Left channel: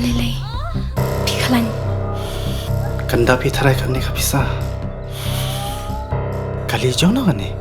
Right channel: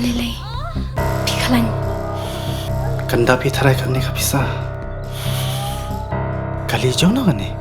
Lele, Pikalan. Kanda pitharai karne ka pisa. Kali jauh na kane.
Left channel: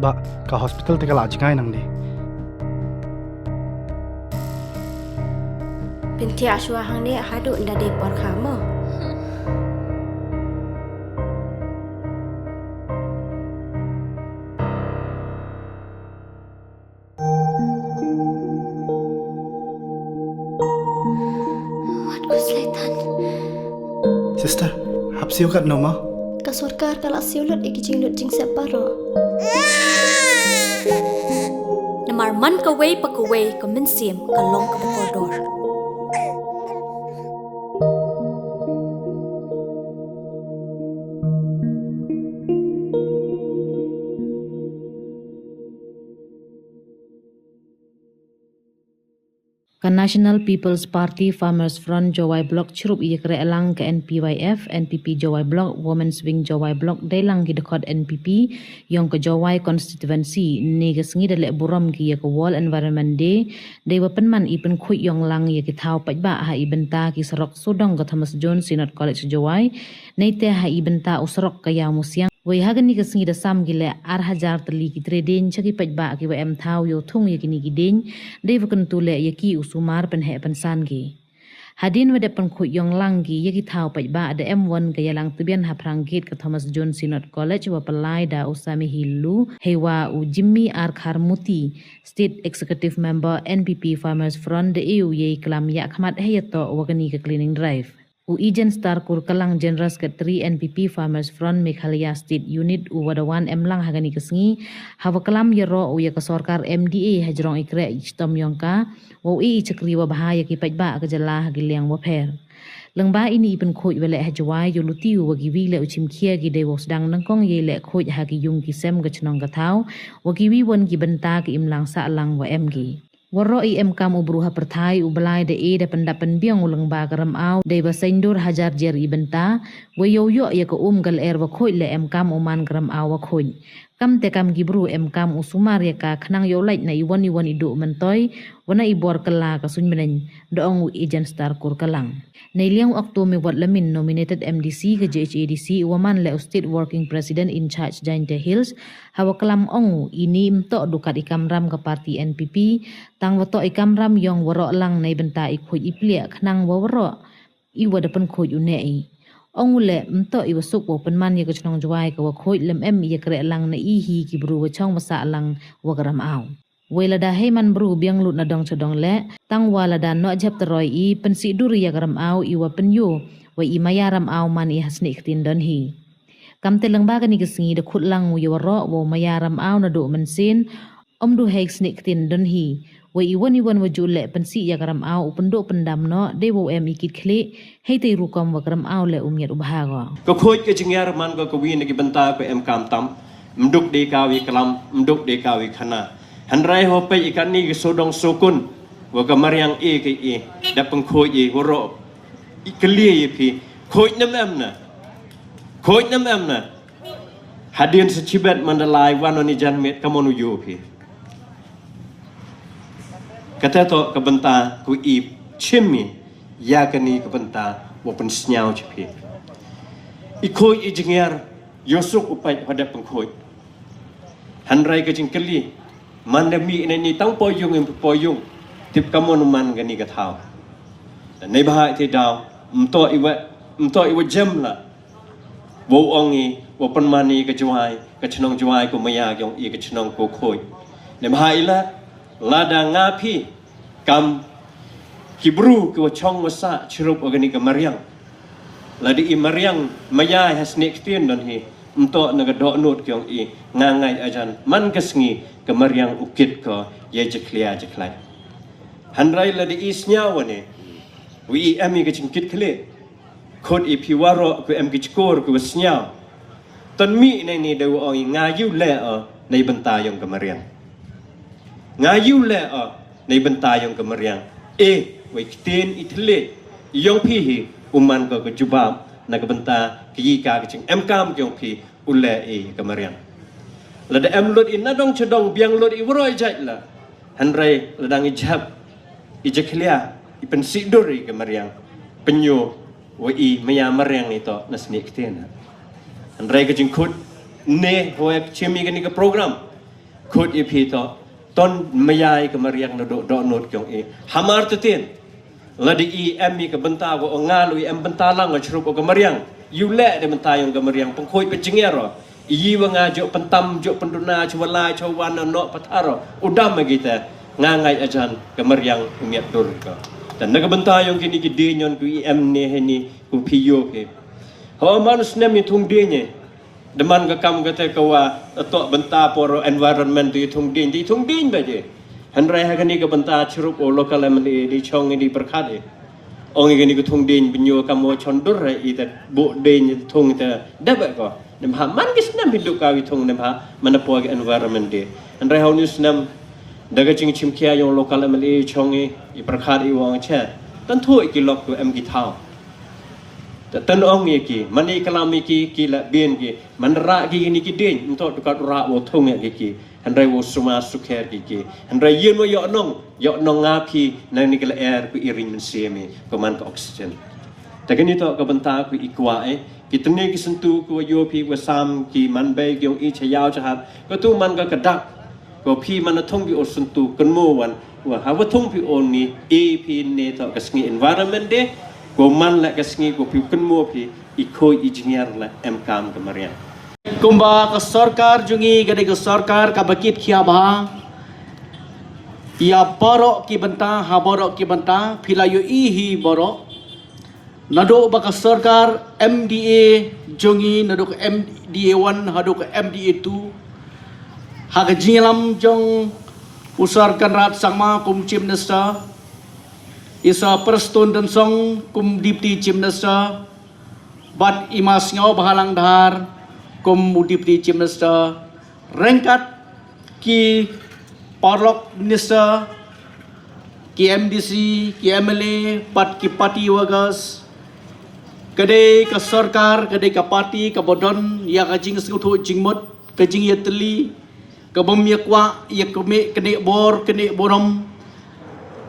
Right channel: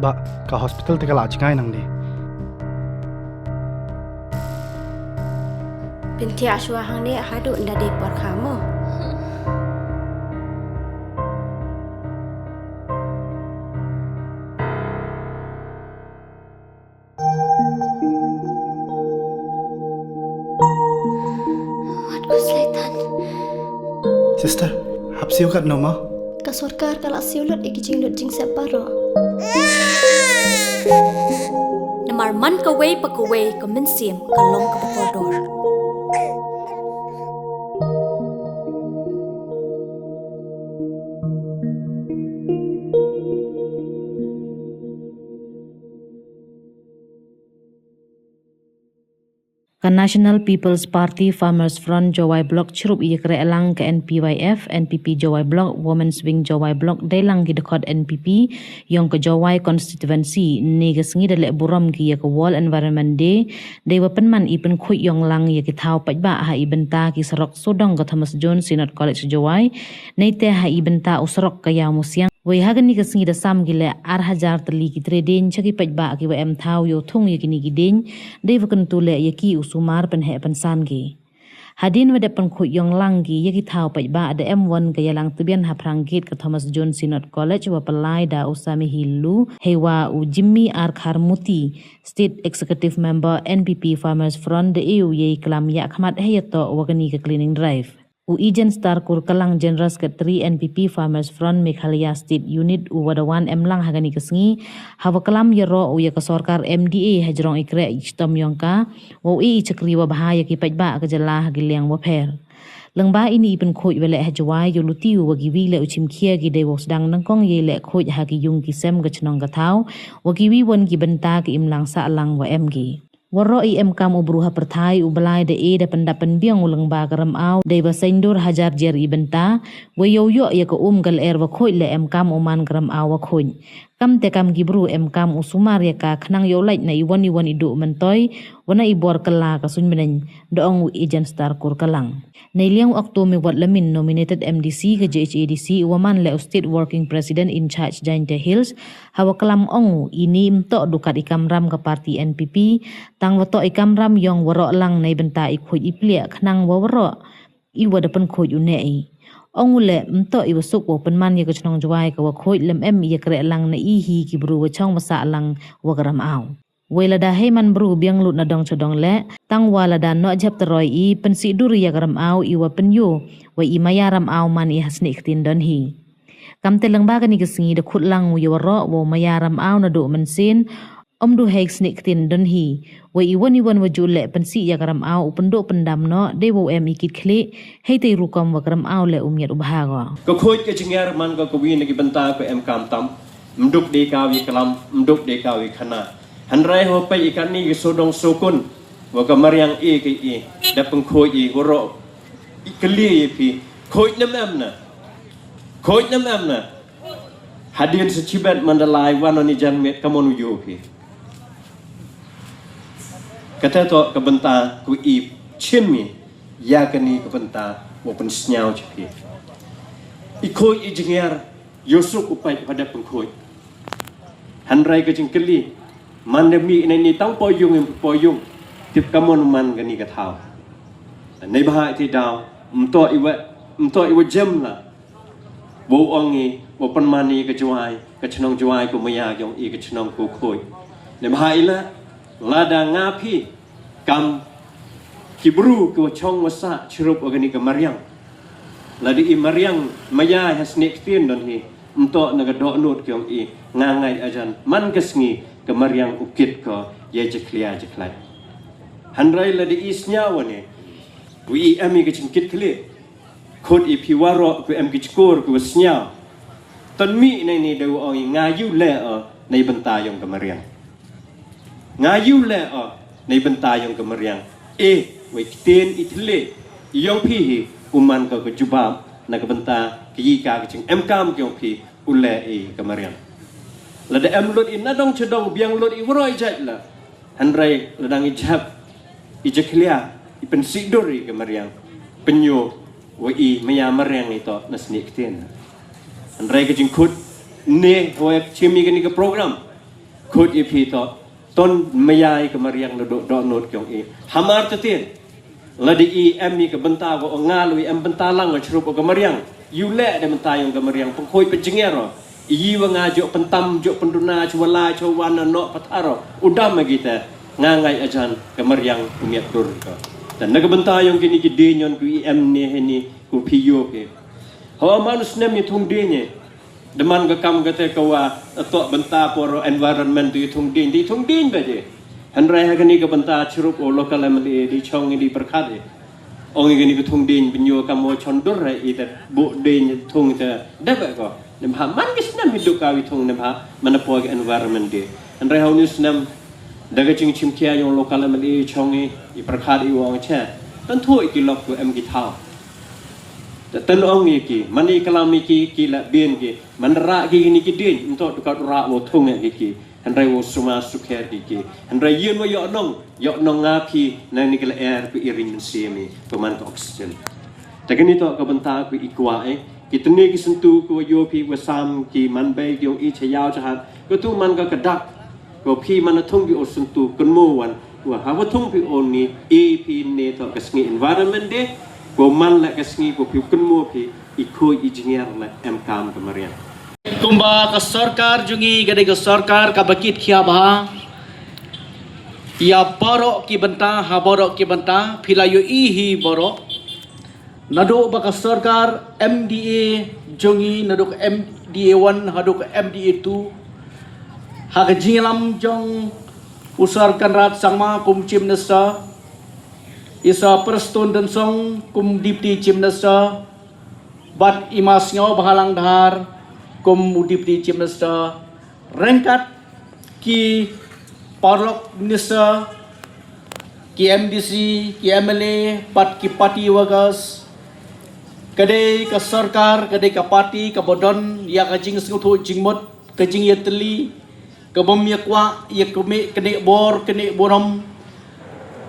Ba, ka hospital te kala ajkai nang ni. Binti aswa hang ni hadu nda de por kamu. Sister, hapsi ukat no ma? Kasurkar kala siulut ikijing lut jing separo. Namar man ka way pa ka way ka minsim ka long ka bakordor. Ka National People's Party Farmers Front Jowai Block Chirup Yekre Elang ke NPYF, NPP Jowai Block, Women's Wing Jowai Block, Delang ki dekod NPP, yang ke Jowai Constituency, ni ke sengi dalek buram ki ke World Environment Day, dewa penman ipen khuy yang lang ye ki thau pajba ha ibenta ki serok sodong ke Thomas Jones Synod College Jowai, neite ha ibenta usrok ke ya musiang. Wei hagan ni kesengi da sam gile ar hajar teli ki treden chaki pajba ki wa em thau yo thung ye kini ki den de wakan tule ye ki usumar pen he pen san gi hadin wede pen khu yong lang gi ye ki thau pajba da M1 ke yalang tibian ha prangkit ke Thomas Jones Synod College wa pelai da usami hilu hewa u Jimmy R Kharmuti State Executive Member NPP Farmers Front de EU ye klam ya khmat he to wakani ke cleaning drive. Uijen Star Kurkalang General Secretary NPP Farmers Front Meghalaya State Unit Wadawan Emlang hagani kesengi hawakalam yero uya ke sorkar MDA hajrong ikre ichtom yongka wo I cekri wa bahaya ki pajba ke jala hagiliang wa pher lengba ini ipen khoj wele hajwai yoluti wa giwi le uchim khia gi dewo sedang nangkong ye le khoj hagi yung ki sem ke chnong ka thau wa giwi won ki benta ki imlang sa lang wa MG Waro IM kam ubruha perthai ubalai de da pendapan biang ulang ba karam au de basendur hajar jer ibenta we yo yo ya ko gal er wa khoi le em kam uman karam au wa khoi kam te kam gibru em kam usumar ya ka khnang yo lait na iwan idu mentoy wana ibor kala ka sun menen doong Ijen Star Kurkalang Nei liang waktu me wat lamin nominated MDC ke JHADC waman le State Working President in charge Jainte Hills hawa kelam ongu ini mto dukat ikam ram ke parti NPP tang wato ikam ram yong warok lang nei benta ikhuj iplia khnang wa warok iwa depan khoj unei ongu le mto iwasuk wa penman ye ke chnong jwai ke wa khoj lem em ye kre lang na ihi ki bru wa chong masa lang wa garam au Wela da heman bru biang lut na dong chodong le tang wala da no jap teroi I pensi duri ya garam au iwa penyo wa I mayaram au man I hasni ktin don hi kam te lang ba ni kesingi de khut lang wi waro wo mayaram au na do mensin om du hek sni ktin don hi wa I woni won wa jule pensi ya garam au pendo pendam no de wo em ikit khle hei te ru kom wa garam au le umyat ubha ko khoj ke chingar man ko wi ni benta ko em kam tam mduk de ka wi kalam mduk de ka wi khana Hanrai hope ikan ni sodong sokun waga mariang ke da pengkhoj woro ikli pi khoj nam na hadin sechibat mandalai wanoni janmet kamonu yo pi kata to kebenta ku I chimmi ya kani kebenta wapun snyau pi khoj jingar yosuk upai pada pengkhoj Hanrai ke jingkeli Mandemi ini tang poyung yang poyung tip kamu numan gani kathau. Nei bahai ti daw mto iwa jam la. Bo ongi bo penmani ke juai ke chnong juai ko maya yong I ke chnong ko khoi. Nei bahai la lada ngapi kam kibru ko chong wasa chirup ogani ke mariang. Ladi I mariang maya has next tin don hi mto naga do not kyong I ngangai ajan man kesngi kemariang ukit ko ye jeklia jeklai hanrai la di isnya wane wi ami ke cingkit kle khod I piwaro ko em ke skor ko snya ton mi nei do oi ngayu le nei benta yong kemariang ngayu le nei benta yong kemariang wi tin itle yong pi hi uman ko jubab na ke benta ki ka ke cing em kam yong pi ule kemariang Lada em lut in nadong cedong biang lut I wroi jat la Handrai ladang ijab ijaklia ipensiduri kemariang penyo wai mayamar yang itu nasni ktian. Handrai ke jingkut ne hoek chimi ke program kut ipi to ton mayai kemariang do not kyong hamar tetien ladi mi ke benta go ngalu bentalang ngachrup ke kemariang yule de mentayong kemariang pengkhoi penjengero wa ngajo pentam jo penduna chwala chwan no pataro udam kita ngangai ajan kemariang umiat dur ka dan nagbentayong kini gidinyon ku ne heni ku piyo ke ho manus nem tung dinye deman ka kam kate kawa to benta por environment di tung din baje handrai ha kini ka benta chrup o local mli di chong di perkhat ong kini ku tung din binyo kamo chondur ita bu din tung ta dabe ko nem ha man gis nem hidup ka tung nem ha manapo environment di handrai ha news nem daga ching chim kia yung local mli chong i perkhat i wang cha tan thoi ki lok ku em ki thao tan ong ki mani kalam ki la bien ki manra ki ni ki din untuk dekat ra wo thong ki handrai wo suma sukher ki handrai yen wo yo nong ngapi na ni kala air ku iring men siemi peman ka oxygen takani to ka banta ku ikwa ki tni ki sentu ku yo pi wa sam ki man be yung i chayao chahat ko tu man ka kadak ko pi man thong ki o sentu kan mo wan wa ha wa thong pi on ni ep ne to ka sngi environment de ko man la kasngi ko pi kun mo pi ikoi engineer la em kam kemaria kumba ka sarkar jungi gade ka sarkar ka bakit khia ba ya borok ki banta ha borok ki banta philayo hi borok nado ba ka sarkar MDA jungi nado ka MDA 1 hado ka MDA 2 ha ka jingalam jong usarkan rat sangma kum chim nesta isa perston dan song kum dipti chimnasa bat imasnyo bahalang dahar kum dipti chimnasa rengkat ki parlok nisa ki MDC ki MLA bat ki parti wagas kade ka sarkar kade ka parti ka bodon ya ka jing senguthu jingmot ka jing yatli ka bom yakwa yakme kene bor kene borom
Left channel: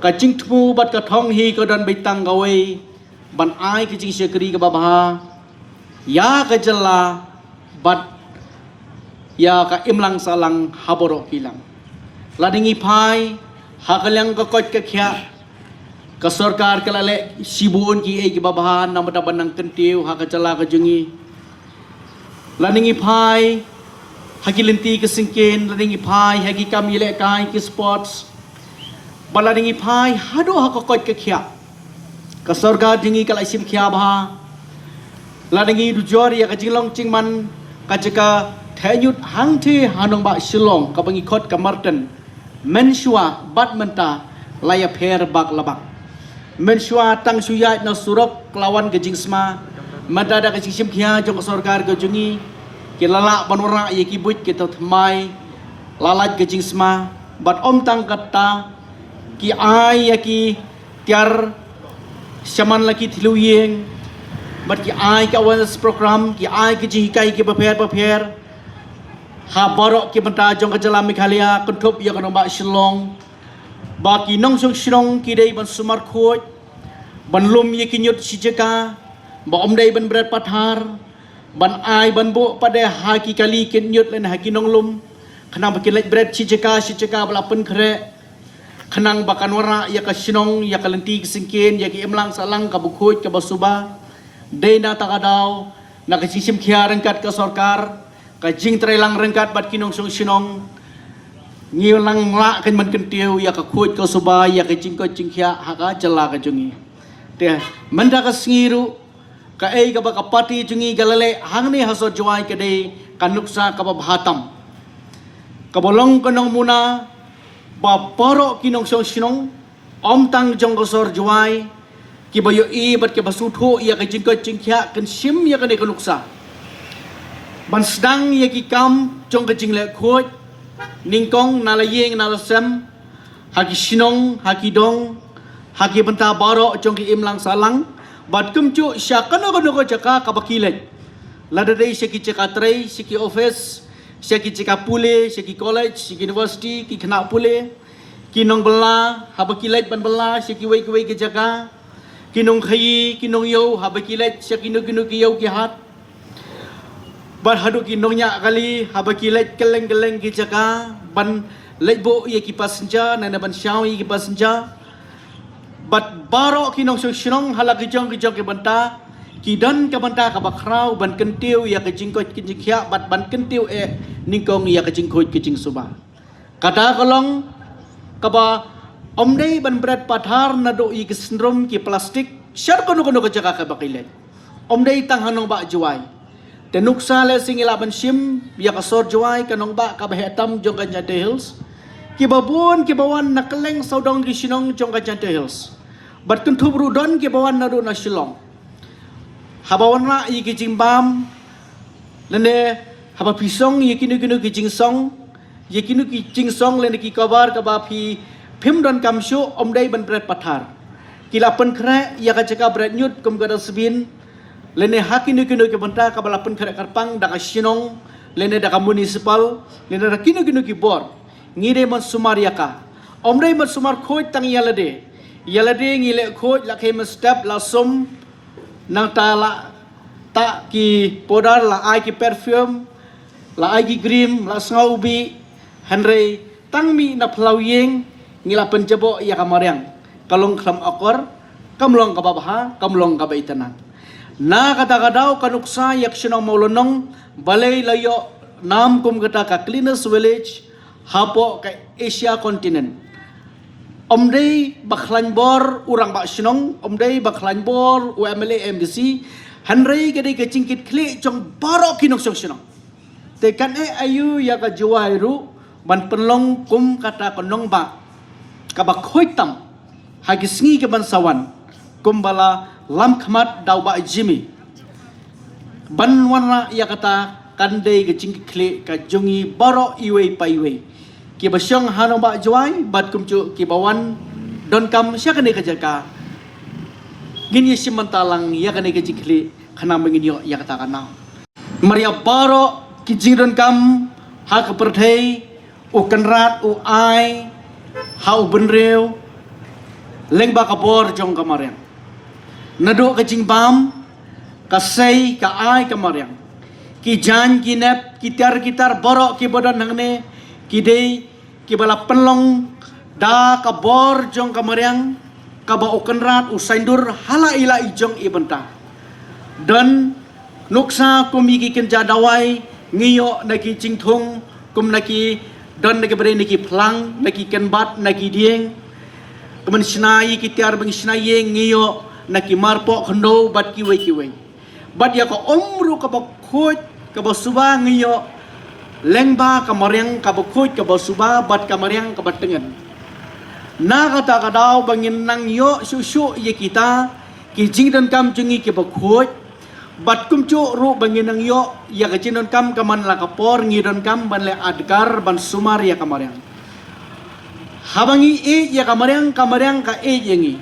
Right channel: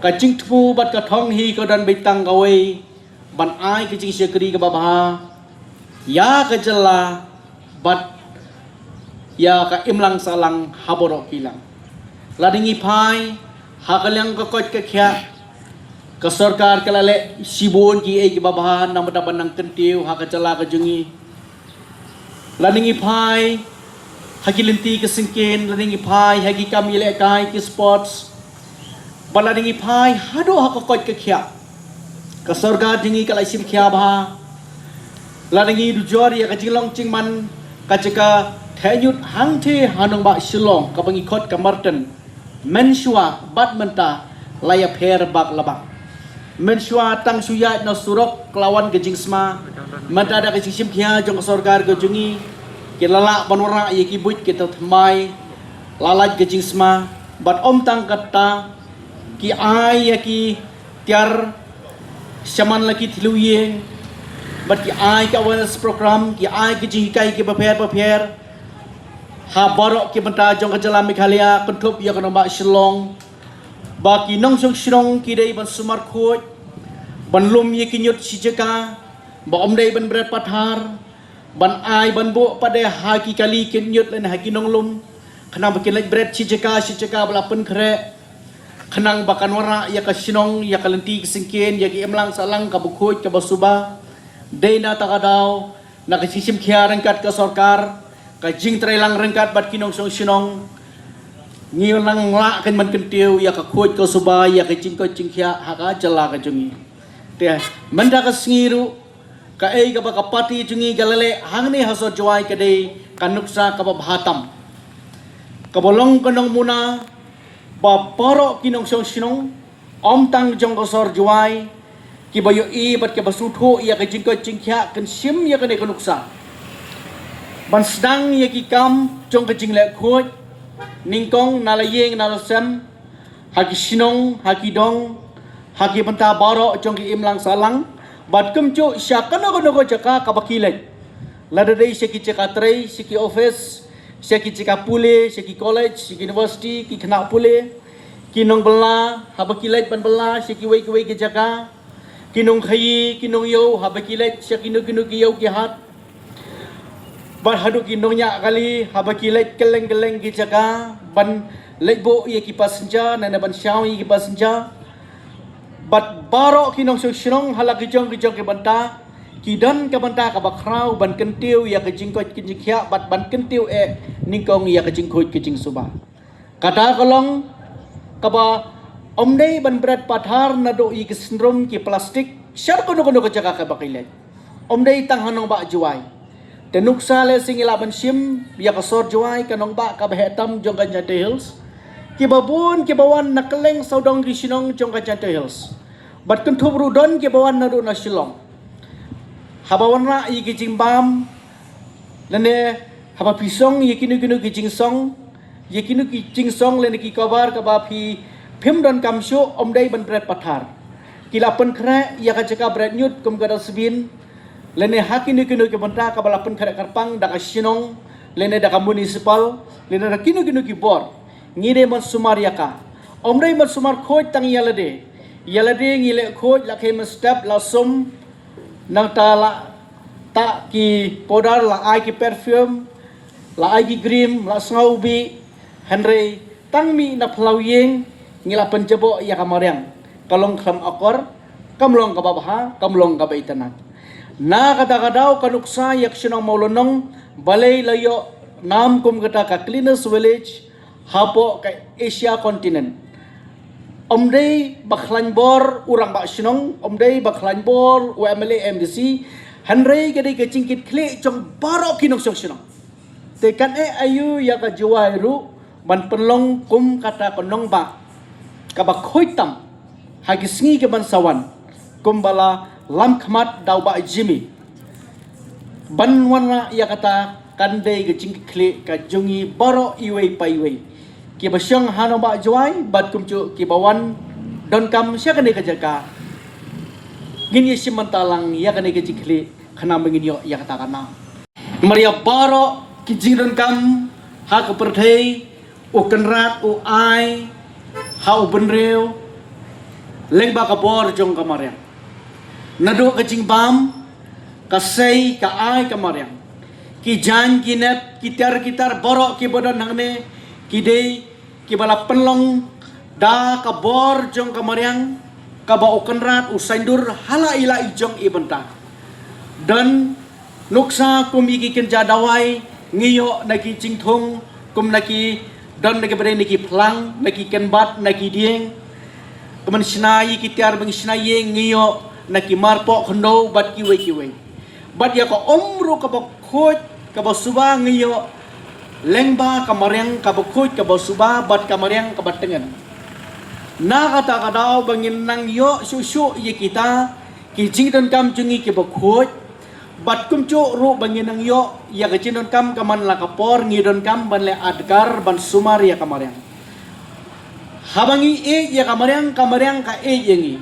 ka jing thu bat ka thong hi ko dan bitang gawe ban ai ka jing sekri ka babha ya ka jalla bat ya ka imlang salang haborok hilang ladingi phai ha ka lang ka kot ka khya ka sarkar ka lale sibon ki ai ki babha nam da ban nang kentiu ha ka jalla ka jungi ladingi phai hakilinti ka singken ladingi phai hagi kam ile kai ki sports bala dingi phai hado hakokot ke khia ka sarga dingi kala isim khia ba la dingi du jori ka jinglong chingman ka jaka thayut hangthe hanong ba silong ka bangi khot ka marten mensua badmenta laya pher bak labak mensua tang suya na surok lawan ke jingsma madada ka sim khia jong sargar ke jungi ke lala banwara ye ki buit ke thmai lalat ke jingsma bat om tang kata ki ai ya ki tiar shaman laki thiluyeng bat ki ai ka awareness program ki ai ki jikai ki bapher ha borok ki banta jong ka jala Meghalaya konthop ya kana ba Shillong ba ki nong song Shillong ki dei ban sumar khoj ban lum ye ki nyut sijaka ba om dei ban berat pathar ban ai ban bo pada ha ki kali ki nyut len ha ki nong lum khana ba ki lek berat sijaka bala pen kre kenang bakan warna ya ka sinong ya ka lenti singken ya ki emlang salang ka bukhoj ka basuba deina takadaw na ka sisim khia rengkat ka sarkar ka jing trelang rengkat bat kinong song sinong ngilang la kan man kentiu ya ka khoj ka suba ya ka jing khia ha ka jala ka jungi te manda ka singiru ka ei ka ba ka pati jungi galale hangni hasot jwai ka dei kanuksa ka babhatam ka bolong kanong muna ba paro kinong song sinong om tang jong kosor juai ki bayo i bat ke basutho ya ke jingko jingkhya kan sim ya kan ekonuksa ban sedang ya ki kam jong ke jingle khoj ningkong nalayeng nalasem haki sinong haki dong haki banta baro jong ki imlang salang bat kumcho syakan ogo jaka kabakilek ladadei seki ceka trei seki office seki cika pule, seki college, seki university, ki kena pule, kinong bela haba kilet ban bela si kiwei kiwei ke jaga kinong khayi kinong yo haba kilet si kinong ki yo ki hat ban hadu kinongnya kali haba kilet keleng ke jaga ban lebo ye ki passenger na ban shaw ye ki passenger bat baro kinong song hala ki jong ke banta kidan ke banta ka bakrau ban kentiu ya ke jingkot ke jingkhia bat ban kentiu ningkong ya ke jingkhoi ke jing suba kada kolong kaba omdei ban bread pathar na do i ke syndrome ki plastik syar kono ke jaga ka bakilet omdei tang hanong ba juai tenuksa le singila ban sim ya ka sor juai kanong ba ka behetam jong ka Jante Hills kibawan nakeleng saudong di Sinong jong ka Jante Hills bat kentu brudon kibawan na do na Shillong habawan na i ki jimbam lene haba pisong ye kinu ki jingsong ye kinu ki jingsong lene ki kabar ka ba phi phim don kam sho omdei ban bread pathar kila pen kre ya ka jaka bread nyut kum ga dasbin lene hakinu ki banta ka bala pen kre karpang da ka Sinong lene da ka municipal lene da kinu ki bor ngide man sumar yaka omdei man sumar khoj tang yalade ngile khoj la khe man step la sum nang ta la ta ki podar la ai ki perfume la ai ki cream la saubi henry tang mi na phlau yeng ngila penjebo ya kamariang kalong kham akor kamlong ka babaha kamlong ka baitanan na kata-kadau kanuksa yak Sinong maulonong balay layo nam kum kata ka cleanest village hapo ka Asia continent omdei bakhlanbor urang ba Sinong omdei bakhlanbor UMLA MDC hanrei kadai ka cingkit kli jong baro kinong Sinong tekan ayu ya ka juai ru ban penlong kum kata konong ba ka ba khoitam hagisngi ke ban sawan kum bala lam khamat dau ba jimi ban wana ya kata kandai ke cingkit kli ka jongi baro iwei paiwei ki basyong hanong ba juai bat kumcu ki bawan don kam sia kane ka jaka gini simantalang ya kane ka jikli khana mengin yo ya kata kana maria baro ki jingdon kam ha ka perthei u kanrat u ai ha u benreu leng ba ka bor jong kamareng nado ka jingbam ka sei ka ai kamareng ki jan ki nep ki kitar boro ki bodon hangne kidei kibala penlong da kabor jong kamariang kaba ukenrat usaindur hala ila ijong ibenta dan nuksa kumiki kenja dawai ngiyo naki cingthung kum naki don naki bere naki plang naki kenbat naki dieng kemen snai kitiar bang snai ngiyo naki marpo khndo bat kiwe bat ya ko omru kaba khoj kaba suba ngiyo lengba kamariang kabukut kabasuba bat kamariang kabatengan na kata kadau bangin nang yo susu ye kita ki jingdon kam jungi ki bakut bat kumcu ru bangin nang yo ya ka jingdon kam kaman la kapor ngidon kam ban le adgar ban sumar ya kamariang habangi ya kamariang ka yengi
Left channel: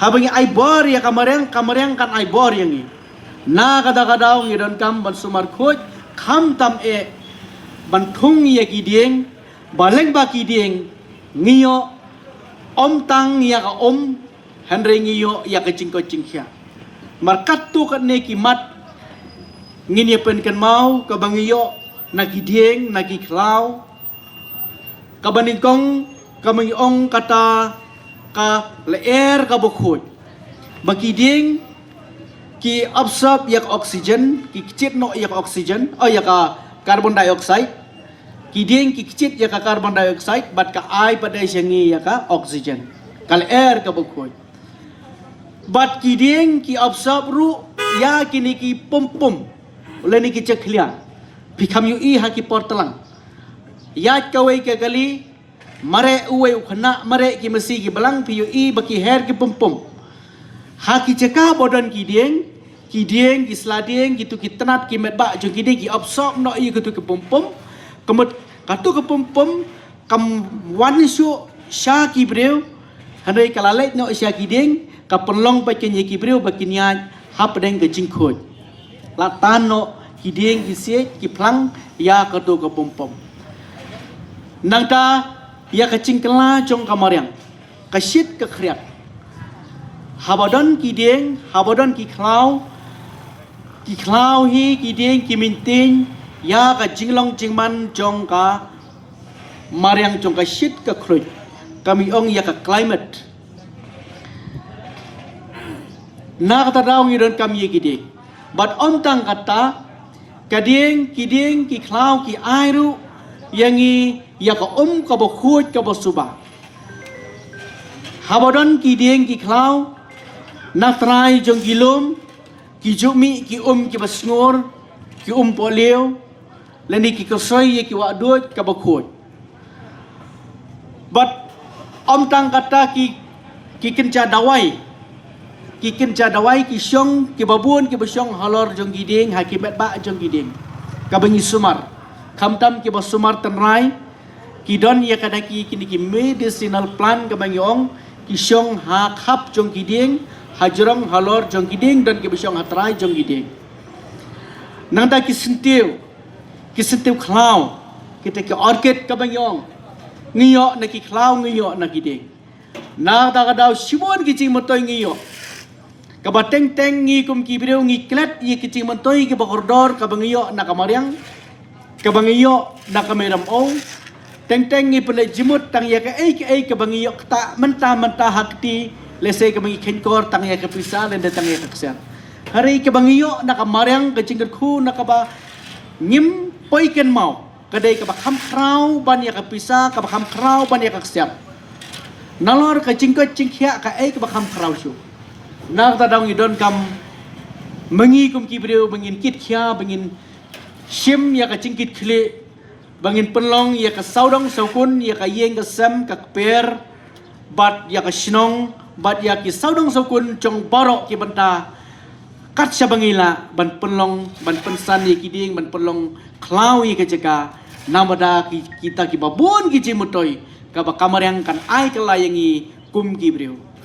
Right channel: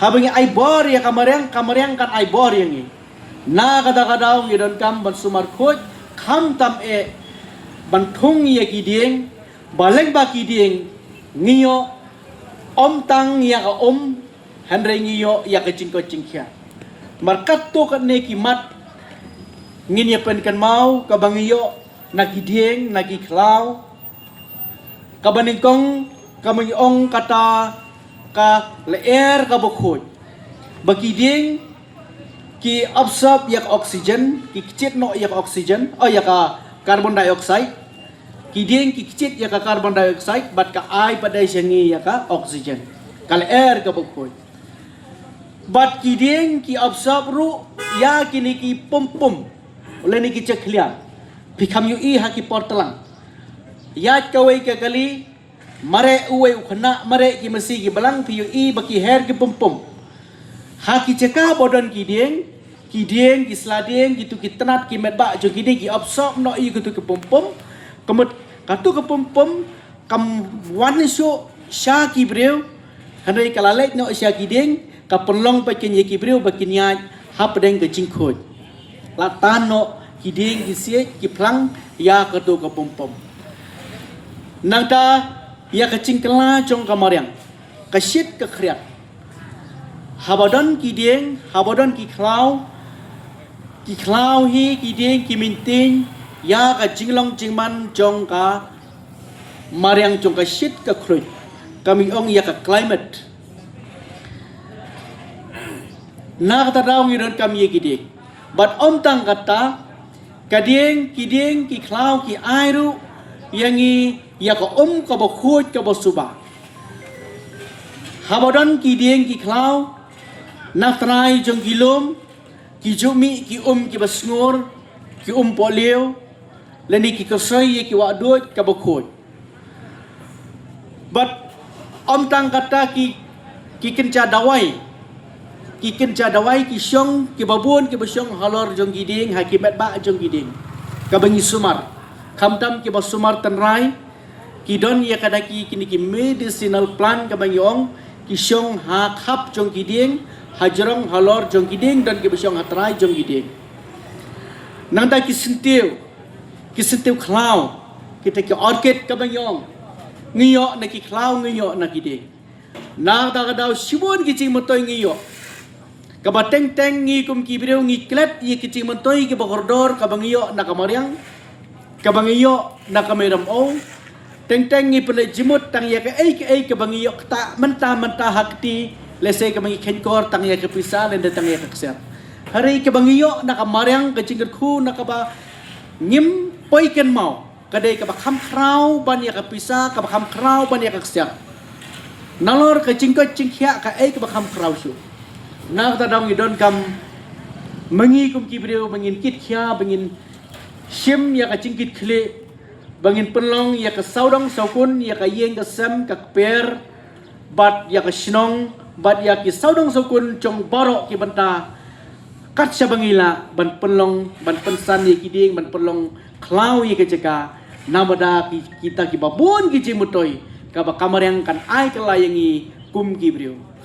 habangi ai bor ya kamariang kan ai bor yengi na kata kadau ngidon kam ban sumar khoj kham tam bantung ya kidieng baleng ba kidieng ngiyo om tang ya ka om henry ngiyo ya ka cingko cingkya markat to ka ne kimat ngini pen kan mau ka bangiyo na kidieng na kiklau ka baningkong ka mangiong kata ka leer ka bukhut bakidieng ki absorb yak oxygen ki kicit no yak oxygen ya ka carbon dioxide kideng ki kicit ya ka carbon dioxide bat ka ai padai sengi ya ka oxygen kal air ka bukoy bat kideng ki absorb ru ya kini ki pum le ni ki cheklian bikam yu i ha ki portalang ya kawai ka kali mare uwe khna mare ki masi ki balang pi yu i baki hair ki pum ha ki cheka bodon kideng ki sladeng gitu ki tenat ki metba jo kideng ki absorb no i gitu ki pum kemet katu ke pum kam wan syo sha ki breu hanai kalalek no sha ki ding ka penlong pa ken ye ki breu ba kin ya hap deng ke jingkhot la tan no ki ding ki sie ki plang ya katu ke pum nang ta ia kacing kela jong kamariang kasyit ke kriat habadon ki ding habadon ki klau hi ki ding ki minting ya ka jinglong jingman jong ka mariang jong kasyit ke krui kami ong ia ka climate na kata daw ngiron kami ki ding but om tang kata kading ki klau ki airu yangi ya ka ka ba khut ka ba suba habadon ki ding ki klau na trai jong gilum ki jumi ki ba sngur ki polio leni ki kasoi ki wa dut ka ba khut but om tang kata ki kenca dawai ki syong ki babun ki basyong halor jong giding hakimat ba jong giding ka bangi sumar kamtam ki basumar tanrai ki don ya kadaki kini ki medicinal plant ka bangi ong ki syong ha khap jong giding hajrong halor jong giding dan ki basyong hatrai jong giding nangda ki sentiu klau kita ki orchid ka bangi ong ngiyo na ki klau ngiyo na giding na ta ka daw sibon ki ching motoy ngiyo kabateng teng ngi kum ki breu ngi klet ye kici montoy ki bakordor kabangiyo na kamariang kabangiyo na kameram o teng ngi pele jimut tang ye ka ei kabangiyo ta menta hakti lese kabangi kenkor tang ye ka pisa len tang ye ka ksat hari kabangiyo na kamariang kacingker khu na kaba ngim poiken mau kadai ka bakham krau ban ye ka pisa ka bakham krau ban ye ka ksat nalor kacingko cingkhia ka ei ka bakham krau shu nak tadang idon kam mengi kum kibreu bangin kit khia bangin shim ya ka cingkit khle bangin penlong ya ka saudong saukun ya ka yeng ka sam ka per bat ya ka shnong bat ya ki saudong saukun chong borok ki banta kat sya bangila ban penlong ban pensan ye kiding ban penlong klau ye ka jeka namada kita ki babun ki jimutoi ka ba kamar yang kan ai ka layangi kum kibreu